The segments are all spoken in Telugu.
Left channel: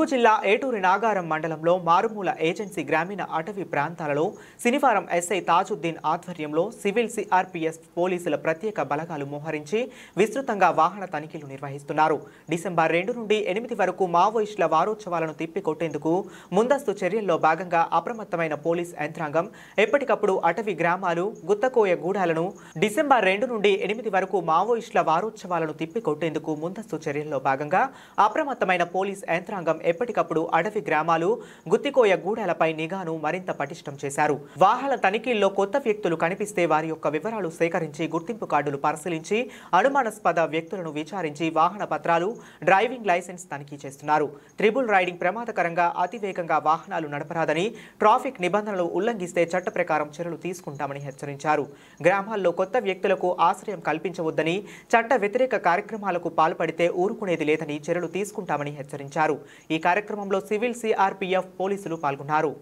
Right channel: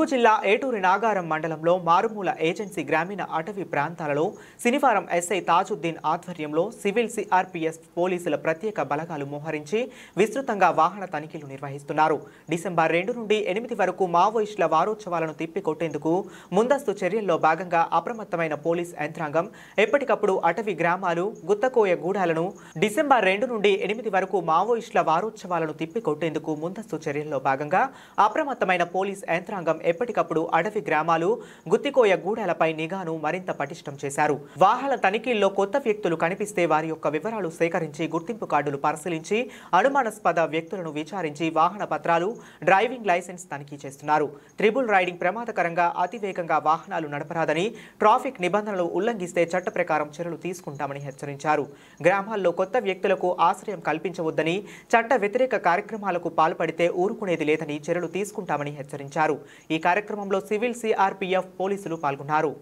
ములుగు జిల్లా ఏటూరి నాగారం మండలంలో మారుమూల ఏజెన్సీ గ్రామీణ అటవీ ప్రాంతాలలో శనివారం ఎస్ఐ తాజుద్దీన్ ఆధ్వర్యంలో సివిల్ సిఆర్పీఎఫ్ పోలీసుల ప్రత్యేక బలగాలు మోహరించి విస్తృతంగా వాహన తనిఖీలు నిర్వహిస్తున్నారు. డిసెంబర్ 2 నుండి 8 వరకు మావోయిస్టుల వారోత్సవాలను తిప్పికొట్టేందుకు ముందస్తు చర్యల్లో భాగంగా అప్రమత్తమైన పోలీస్ యంత్రాంగం ఎప్పటికప్పుడు అటవీ గ్రామాలు, గుత్తకోయ గూడాలను డిసెంబర్ 2 నుండి 8 వరకు మావోయిస్టుల వారోత్సవాలను తిప్పికొట్టేందుకు ముందస్తు చర్యల్లో భాగంగా అప్రమత్తమైన పోలీస్ యంత్రాంగం ఎప్పటికప్పుడు అటవీ గ్రామాలు, గుత్తికోయ గూడాలపై నిఘాను మరింత పటిష్టం చేశారు. వాహన తనిఖీల్లో కొత్త వ్యక్తులు కనిపిస్తే వారి యొక్క వివరాలు సేకరించి గుర్తింపు కార్డులు పరిశీలించి అనుమానాస్పద వ్యక్తులను విచారించి వాహన పత్రాలు, డ్రైవింగ్ లైసెన్స్ తనిఖీ చేస్తున్నారు. ట్రిబుల్ రైడింగ్ ప్రమాదకరంగా అతివేగంగా వాహనాలు నడపరాదని, ట్రాఫిక్ నిబంధనలు ఉల్లంఘిస్తే చట్ట ప్రకారం చర్యలు తీసుకుంటామని హెచ్చరించారు. గ్రామాల్లో కొత్త వ్యక్తులకు ఆశ్రయం కల్పించవద్దని, చట్ట వ్యతిరేక కార్యక్రమాలకు పాల్పడితే ఊరుకునేది లేదని చర్యలు తీసుకుంటామని హెచ్చరించారు. ఈ కార్యక్రమంలో సివిల్ సిఆర్పీఎఫ్ పోలీసులు పాల్గొన్నారు.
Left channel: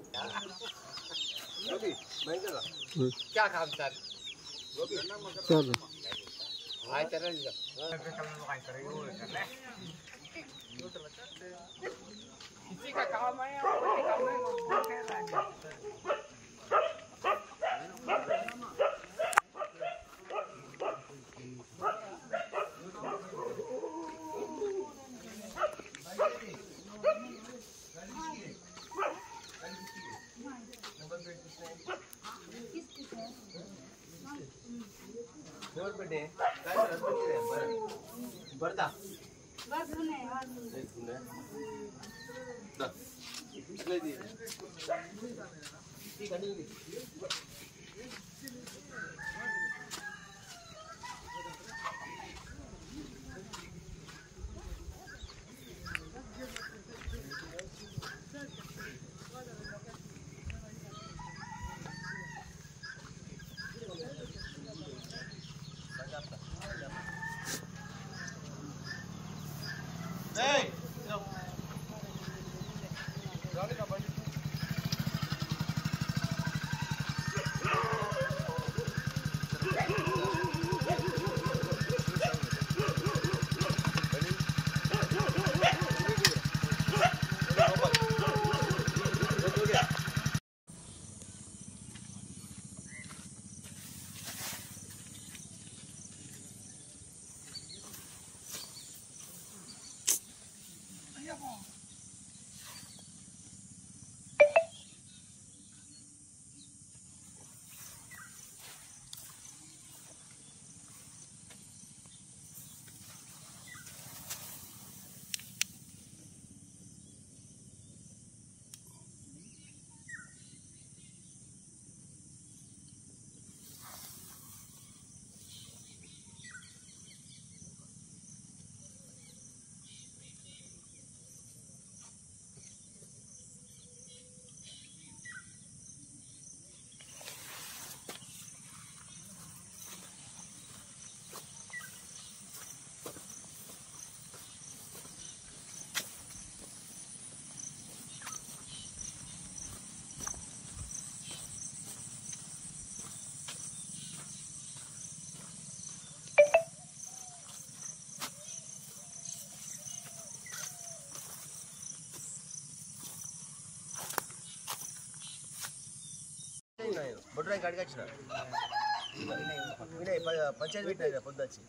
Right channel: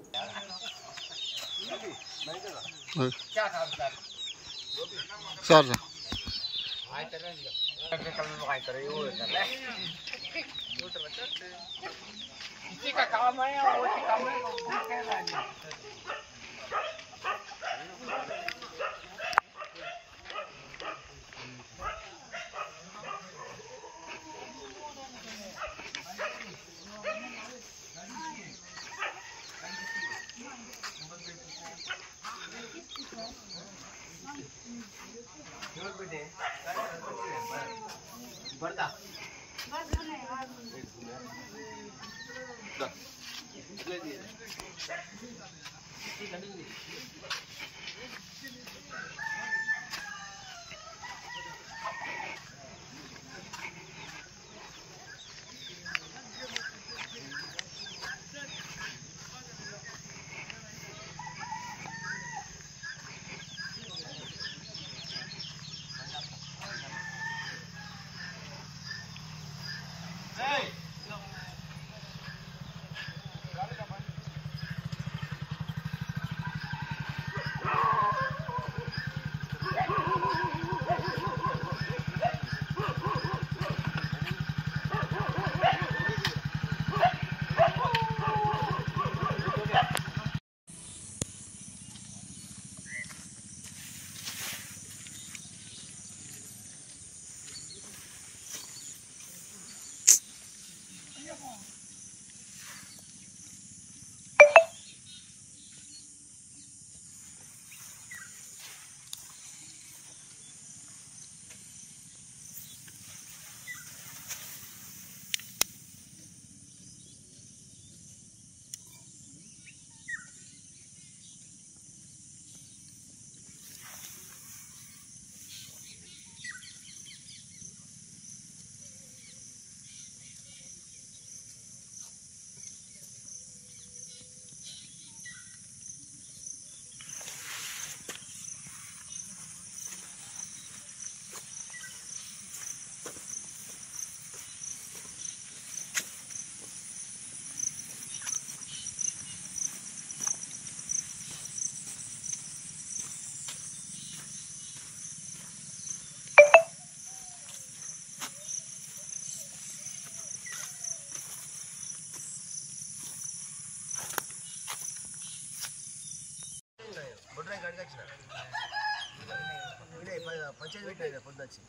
పంచాయతీ పెట్టినా పొద్దు వచ్చి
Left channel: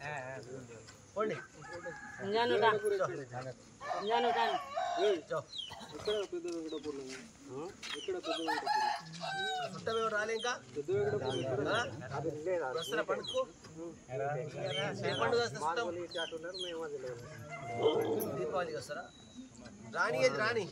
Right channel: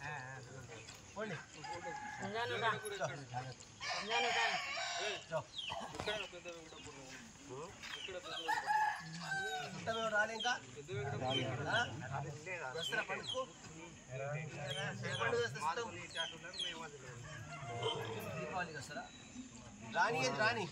పోండి చుట్టమే రాలే ఇంకా వస్తారా పండుగకు దీపావళికి వస్తారా రాని రాని